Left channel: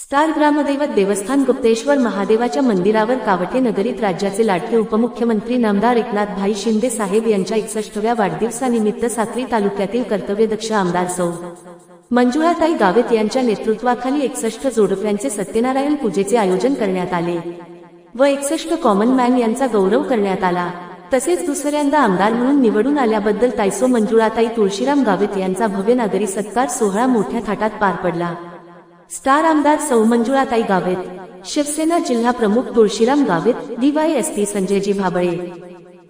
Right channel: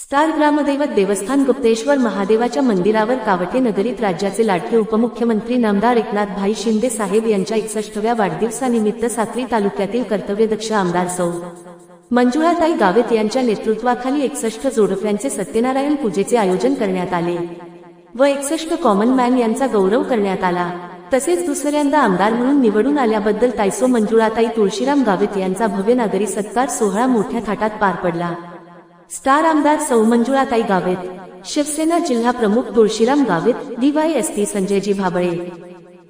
Star ग्रामदैवत देवस्थान गुप्तेश्वर महादेवाच्या मंदिरावर कावठे नगरीत राज्याचे लाडके उपमुख्यमंत्री नामदार एकनाथ भाई शिंदे साहेब यांच्या एकसष्टव्या वाढदिवसानिमित्त साक्री तालुक्यातील कर्तव्यदक्ष आमदार सौ. मंजुळाताई गावित यांच्या नेतृत्वाखाली एकसष्ट जोडप्यांचे सत्यनारायण पूजेचे आयोजन करण्यात आले व एकसष्ट कॉमन मॅन यांचा गौरव करण्यात आला. तसेच दुसऱ्यांदा आमदार म्हणून निवडून आल्याबद्दल तायसो मंजुळाताई तुळशीराम गावित यांचा भव्य नागरी सत्कार सोहळा मोठ्या थाटात पार पडला. स्टार आमदार सौ मंजुळाताई गावित. शिवसेना जिल्हा प्रमुख तुळशीराम गावित डीवायएसपी संजयजी भाबळे.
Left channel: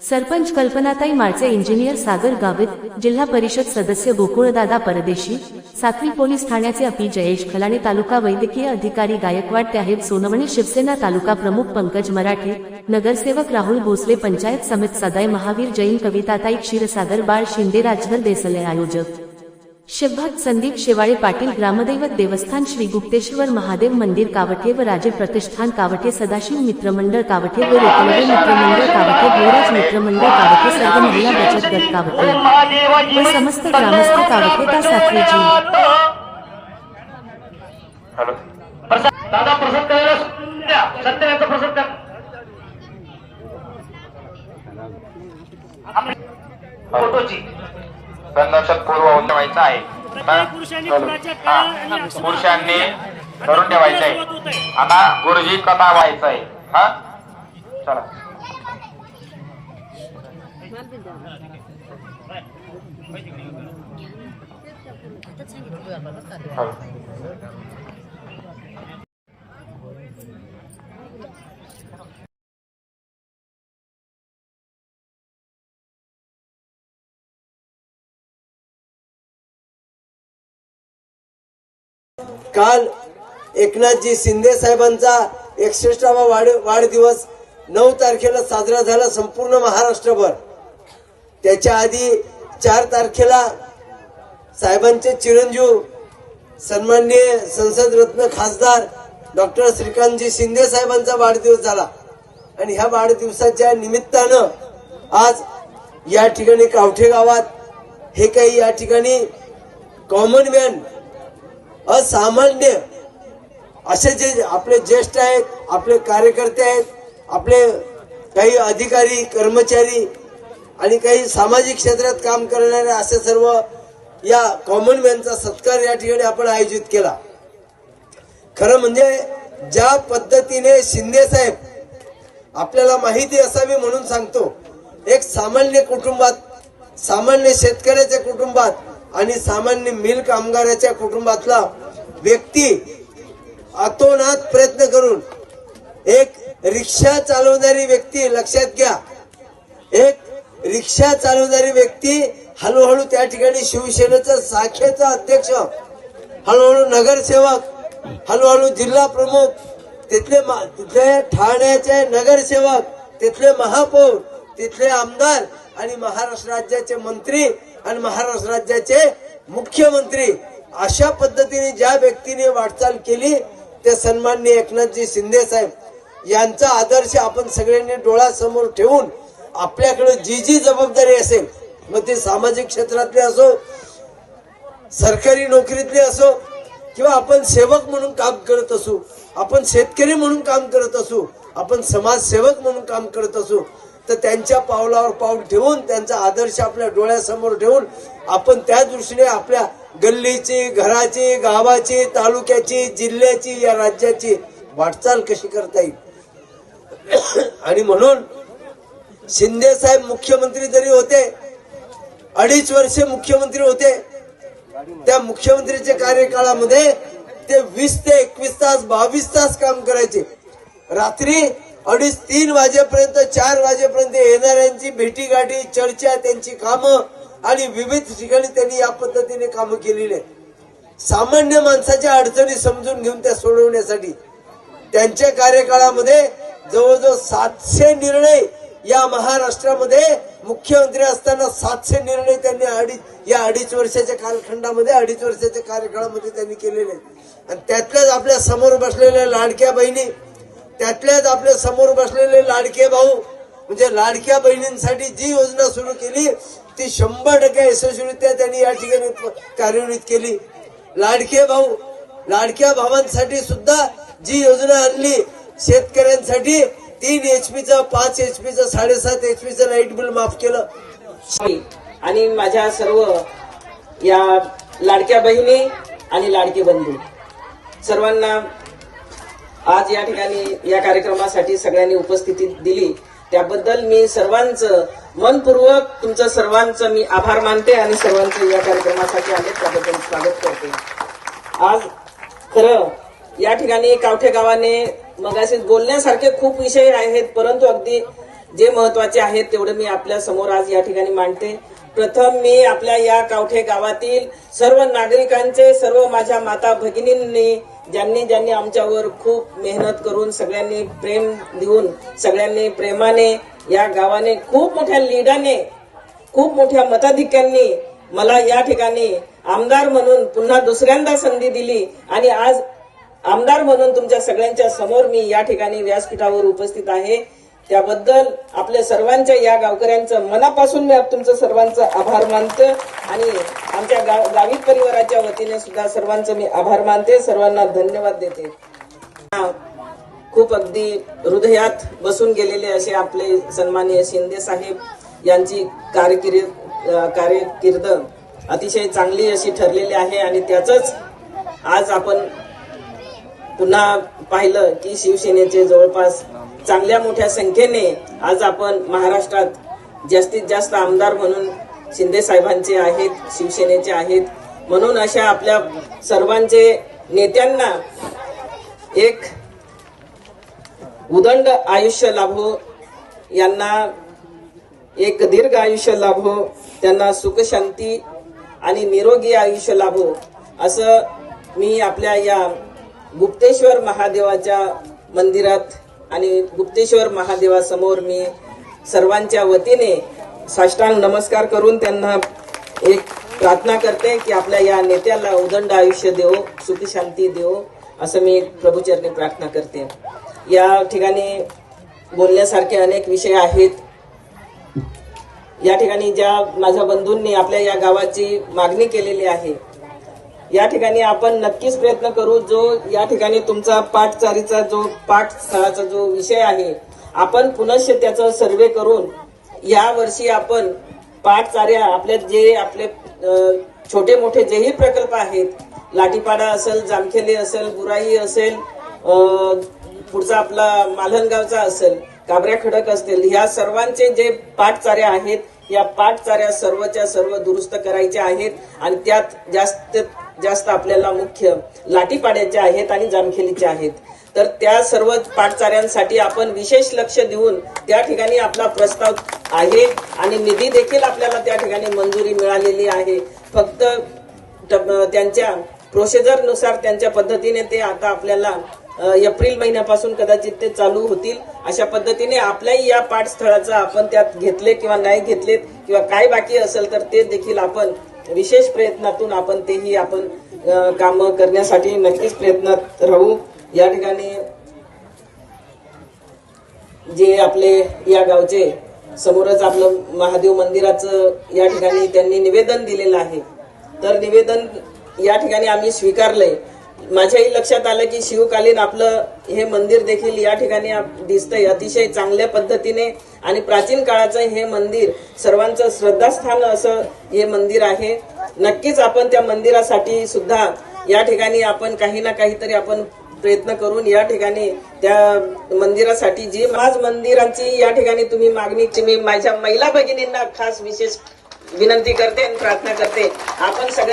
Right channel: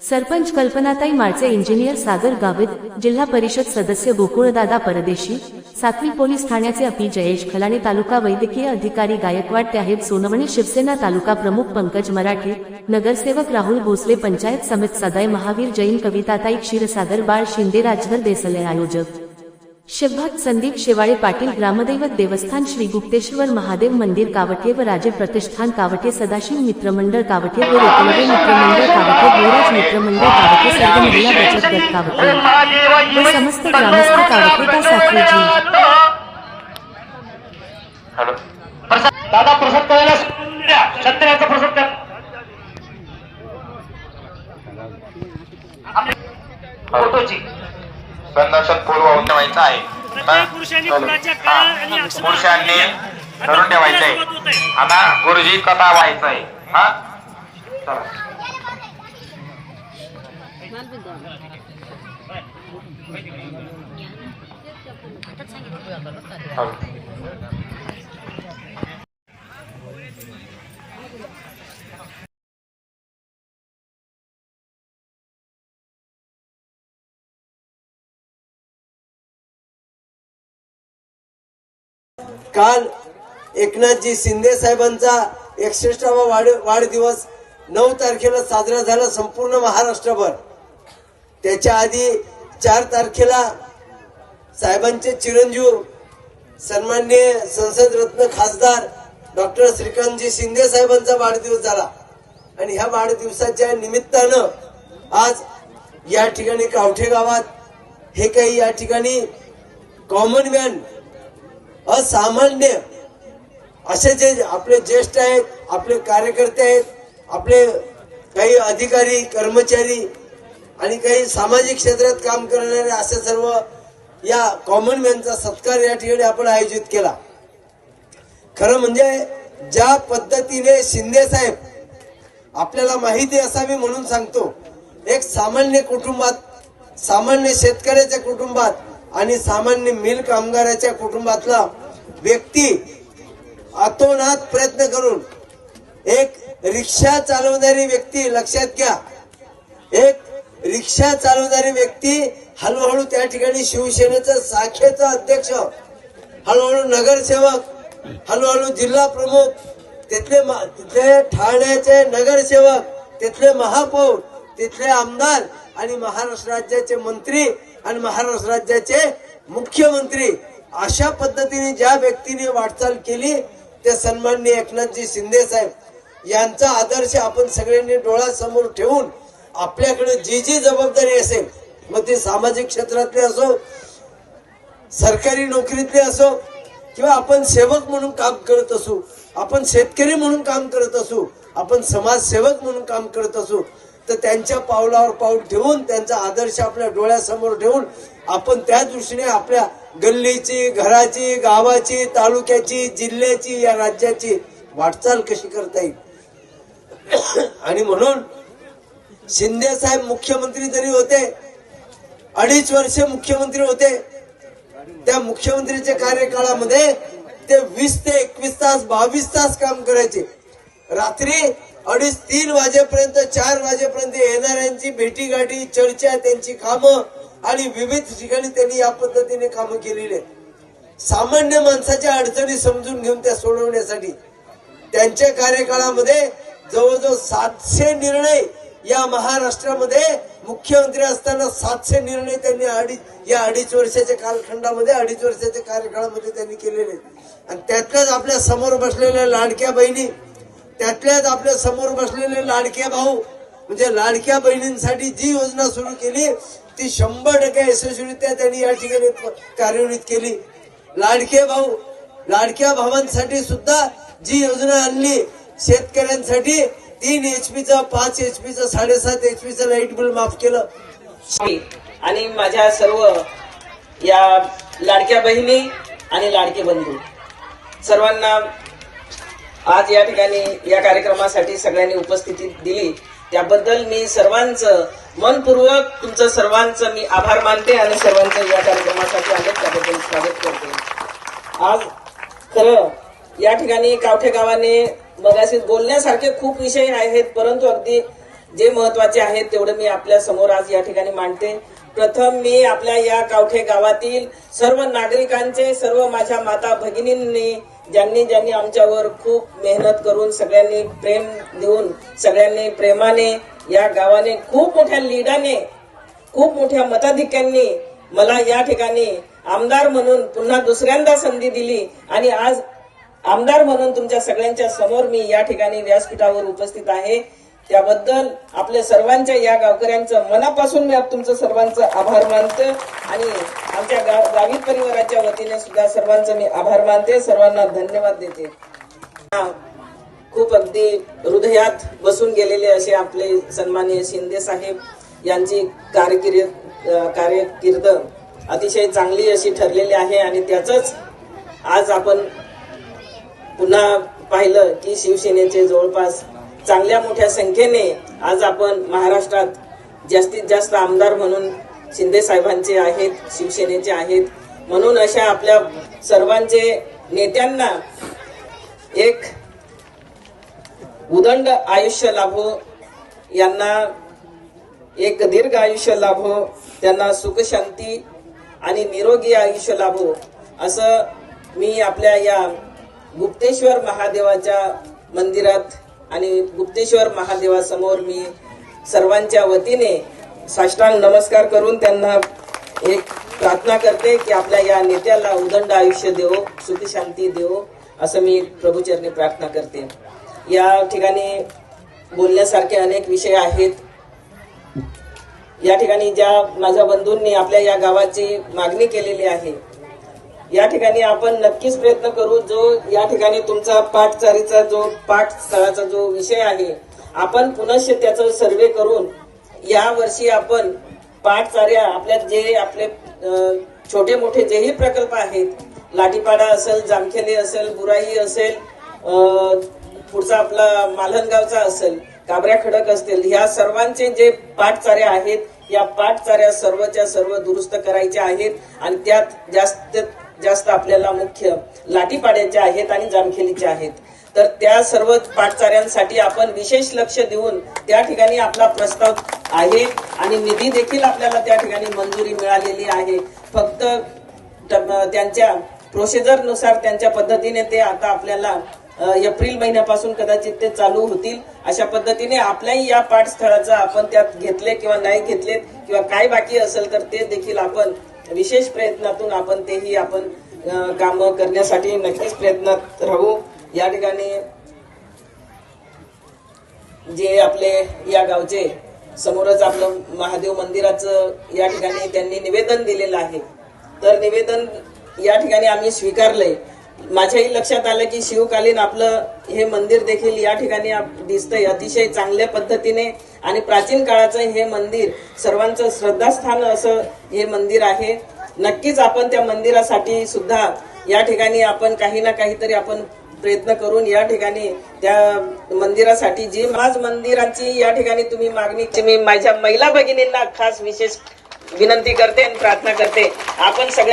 सरपंच कल्पनाताई माळचे इंजिनियर सागर गावित जिल्हा परिषद सदस्य गोकुळदादा परदेशी सातवी पोलीस ठाण्याचे अपी जयेश खलाणे तालुका वैद्यकीय अधिकारी गायकवाड त्याहेब सोनवणे शिवसेना तालुका प्रमुख पंकज मराठे नगरसेवक राहुल भोसले पंचायत समित सदाय महावीर जैन कविताताई क्षीरसागर बाळ शिंदे राजधर देसले आयोजक. शिवभक्त संदीप शेवाळे पाटील ग्रामदैवत देवस्थान श्री गुप्तेश्वर महादेव मंदिर कावठे व राजे प्रतिष्ठान कावठे सदाशिव मित्रमंडळ कावठे व रेकवडे मित्रमंडळ कावठे भोराज मित्रमंडळ कावठे सर्व महिला बचत गट कावठे व समस्त ग्रामस्थ कावठे का साखरेजी. हॅलो. दादा प्रसाद करायला द्या. सत्याचा प्रसाद करा फोटोची. संदर्शक पूर्व ठेवायचा आहे. पुरुषांनी धरून ठेवायचं आहे. आता गुरुजी कथा गायचं आहे. हा? चला. काल एकनाथजी शिंदे साहेबांचा एकसष्टावा वाढ वाढदिवस नऊ तारखेला साजरा झाला संपूर्ण महाराष्ट्रभर. त्याच्या आधी चार तारखेला साहेबांचे चिरंजीव सन्माननीय संसद रत्न खासदार डॉक्टर श्रीकांतजी शिंदे साहेबांचा वाढदिवस झाला. आणि ह्या वाढदिवसाच्या निमित्तानं आज या ठिकाणी कावठे गावात हे काही या ठिकाणी कॉमन मॅन असामान्य. असे जे आपले ज्येष्ठ आहेत आपले कार्यकर्ते आहेत आपले काही अधिकारी कर्मचारी आणि काही सामाजिक क्षेत्रात काम करणारे असे सर्व या कॉमन मॅनचा सत्कार या ठिकाणी आपण आयोजित केला. खरं म्हणजे ज्या पद्धतीने शिंदे साहेब आपल्याला माहिती असावी म्हणून सांगतो एक सामान्य कुटुंबात सामान्य शेतकऱ्याच्या कुटुंबात आणि सामान्य मिल कामगाराच्या कुटुंबातला व्यक्ती आतोनात प्रयत्न करून एक रिक्षा चालवणारी व्यक्ती लक्षात घ्या एक रिक्षा चालवणारी व्यक्ती हळूहळू त्या ठिकाणी शिवसेनेचं शाखेचा अध्यक्ष हळूहळू नगरसेवक हळूहळू जिल्हा प्रमुख तिथले तिथले ठाण्याचे नगरसेवक तिथले महापौर तिथले आमदार आणि महाराष्ट्र राज्याचे मंत्री आणि महाराष्ट्र राज्याचे मुख्यमंत्री अशा पद्धतीने ज्या व्यक्तीने वाटचाल केली ते सन्माननीय एकनाथजी शिंदे साहेब यांचा आदर्श आपण सगळ्यांनी डोळ्यासमोर ठेवून आपल्याकडे जी जी जबाबदारी असेल मग ते सामाजिक क्षेत्रातले असो सरकारी नोकरीतले असो किंवा आपण सेवक म्हणून काम करत असू आपण शेतकरी म्हणून काम करत असू आपण समाजसेवक म्हणून काम करत असू तर त्यांच्या पावलावर पाऊल ठेवून त्यांचा आदर्श आपल्या डोळ्यासमोर ठेवून आपण त्या दृष्टीने आपल्या गल्लीची घराची गावाची तालुक्याची जिल्ह्याची या राज्याची वाटचाल कशी करता येईल? आणि म्हणून शिंदे साहेब मुख्यमंत्री जरी होते अडीच वर्षे मुख्यमंत्री होते त्या मुख्यमंत्रीच्या कार्यकाळामध्ये ते वीस ते एकवीस तास बावीस तास काम करायचे. रात्री अडीच तीन वाजेपर्यंत चार वाजेपर्यंत येणाऱ्यांची भेटीगाठी चर्चा त्यांची कामं आणि विविध ठिकाणी त्यांनी या पद्धतीने कामं केलेली आहेत. सामान्य माणसाच्या अडचणी समजून घेऊन त्या सोडवण्यासाठी त्यांच्या कार्यकाळामध्ये जवळजवळ सातशे निर्णय या महाराष्ट्रामध्ये मुख्यमंत्री असताना सातशे निर्णय त्यांनी अडीच या अडीच वर्षाच्या कालखंडामध्ये अडीच वर्षाच्या कार्यकाळामध्ये त्यांनी केलेले आहेत. आणि त्यातल्याच आपल्यासमोर बसलेल्या लाडक्या बहिणी त्यातल्याच आपल्यासमोर बसलेले लाडके भाऊ म्हणजे लाडक्या बहिणींसाठी जी योजना सुरू केली ती शंभर टक्के यशस्वीरित्या त्यांनी या ठिकाणी कार्यान्वित केली. लाडके भाऊ लाडक्या भावांसाठी सुद्धा जी योजना आणली शेतकऱ्यांसाठी तीन एचपीचं पाच एचपीचं साडेसात एचपीचं लाइट बिल माफ केलं. आणि माझ्या सर्व या लाडक्या बहिणी आणि लाडके बंधू सर्वांना आज या ठिकाणी या कार्यक्रमासाठी सगळ्यांनी उपस्थिती दिली. त्याबद्दल मी सर्वांचं मनपूर्वक तुमचं सर्वांचं मी आभार मानते आणि सर्वांचं या कार्यक्रमासाठी आले त्याबद्दल स्वागत करते. आज खरं या ठिकाणी कावठे गावाने मगाशी बोलण्यासारखे खूप विषय आहेत परंतु अगदी जे महत्त्वाचे आहेत तेवढे मी आपल्यासमोर आज या ठिकाणी मांडते. प्रथम मी आपल्या या कावठे गावातील सर्व नागरिकांचे सर्व माझ्या माता भगिनींनी ज्यांनी ज्यांनी आमच्यावर खूप मेहनत करून सगळ्यांनी प्रेम देऊन सगळ्यांनी प्रेमाने या गावाने खूप मोठ्या लीडाने खूप मोठ्या मताधिक्यांनी मला या ठिकाणी आमदार म्हणून पुन्हा दुसऱ्यांदा संधी दिली. आणि आज आमदार म्हणून तुमच्या सगळ्यांच्या समोर मी या ठिकाणी व्यासपीठावर उपस्थित आहे. त्याबद्दल आपल्या सर्वांच्या या गावकऱ्यांचं मनापासून मी तुमचं सर्वांचं आभार मानतो आणि आमच्या गाव गावी परिवाराच्या वतीने सुद्धा सर्वांचं मी आभार मानते. सर्वांना धन्यवाद देते. खूप अगदी हृदयात बसून गेलेले असे आपले सन्माननीय शिंदे साहेब यांची कारकिर्द कार्यकिर्द अतिशय चांगली अशी ठरलेली आहे आणि त्याच आज आपण पुन्हा पाहिलं की शिवसेनेचे जवळपास चांगल्या मोठ्या संख्येने आज आपण महाराष्ट्रात जास्तीत जास्त आमदार म्हणून शिंदे साहेबांचे आहेत शिवसेनेचे आहेत. म्हणून अशा आपल्या सर्वांचे नेत्यांना एक उदंड आयुष्य लाभो यांना एक दीर्घ आयुष्य लाभो त्यांना सुखशांती आणि निरोगी आयुष्य लाभो असं मी आपल्या या गुप्तेश्वर महादेवाच्या मंदिरात आणि गुप्तेश्वर महादेवासमोर मी सर्वांच्या वतीने साष्टांग नमस्कार करून त्यांना एक प्रार्थना करते की आपल्या या नेत्याला उदंड आयुष्य देव सुखी शांती देव असं मी प्रभूचरणी प्रार्थना करते. या ठिकाणी बोलण्यासारखे अनेक विषय आहेत. या ठिकाणी ज्या माझ्या बंधूंनी आपल्या या गावाची मागणी केलेली आहे या ठिकाणी आपण नक्कीच प्रयत्न करू जो या ठिकाणी तुमचा पाठचारीचा जो पाठस्थळाचा जो विषय आहे आपण पुनश्च त्याचा सर्वे करून या वर्षी आपण पाठचार्या आपल्या जे आपले छोटे मोठे जेही प्रकल्प आहेत लाटीपाडा असेल जामखेले असेल बुराई असेल पुढचा आपला मालहनगावचा असेल काबऱ्या खडक असतील ह्या सर्वांचे जे पाठचाऱ्या आहेत या पाठचाऱ्या सर्वच्या सर्व दुरुस्त करायच्या आहेत आणि त्यात जास्त जास्त आपल्याला मुख्य लाठीपाड्याच्या आहेत आणि जामखेलीच्या आहेत. तर त्या सर्व पाठचाऱ्यांसाठी आपण विशेष लक्ष देऊन त्या ठिकाणी आपला प्रस्ताव आहे आणि निधी देखील आपल्याला त्या ठिकाणी मंजुरी मिळालेली आहे. फक्त त्यांच्या प्रोसिजरनुसार त्यांच्या पद्धतीने ते आता आपल्याला एप्रिल महिन्यापासून कदाचित ते चालू होतील. अशा पद्धतीने आपल्याही या पाठस्थळाचा आपण त्यात घेतले किंवा नाही घेतलेत किंवा काय बाकी असेल तर ते देखील आपण विशेष प्रयत्नातून आपण तेही आपण काम करण्यासाठी नक्कीच प्रयत्नात राहू. या ठिकाणी जे आपले या गावचे समोरच आपलं महादेव मंदिराचं या ठिकाणी त्यांनी निवेदन दिलेलं आहे. तर निवेदन या ठिकाणी आम्ही स्वीकारलंय. माझ्याही लक्षात आलं की शिवकालीन आपलं हे मंदिर देखील या ठिकाणी दिसतंय अतिशय चांगल्या पद्धतीने. आणि प्राचीन काळाचं हे मंदिर सर्वांचं श्रद्धास्थान असं हे मंदिर आहे. नक्कीच आपण त्या मंदिरासाठी सुद्धा या ठिकाणी आपण काही ना काहीतरी आपण प्रयत्न करून या ठिकाणी त्या मंदिरासाठी जी माझ मंदिराची या ठिकाणी तुम्ही मागणी मी माझ्या महिला भगिनींना खास विशेष विनंती करते आणि प्रार्थना करते. आपण सगळ्या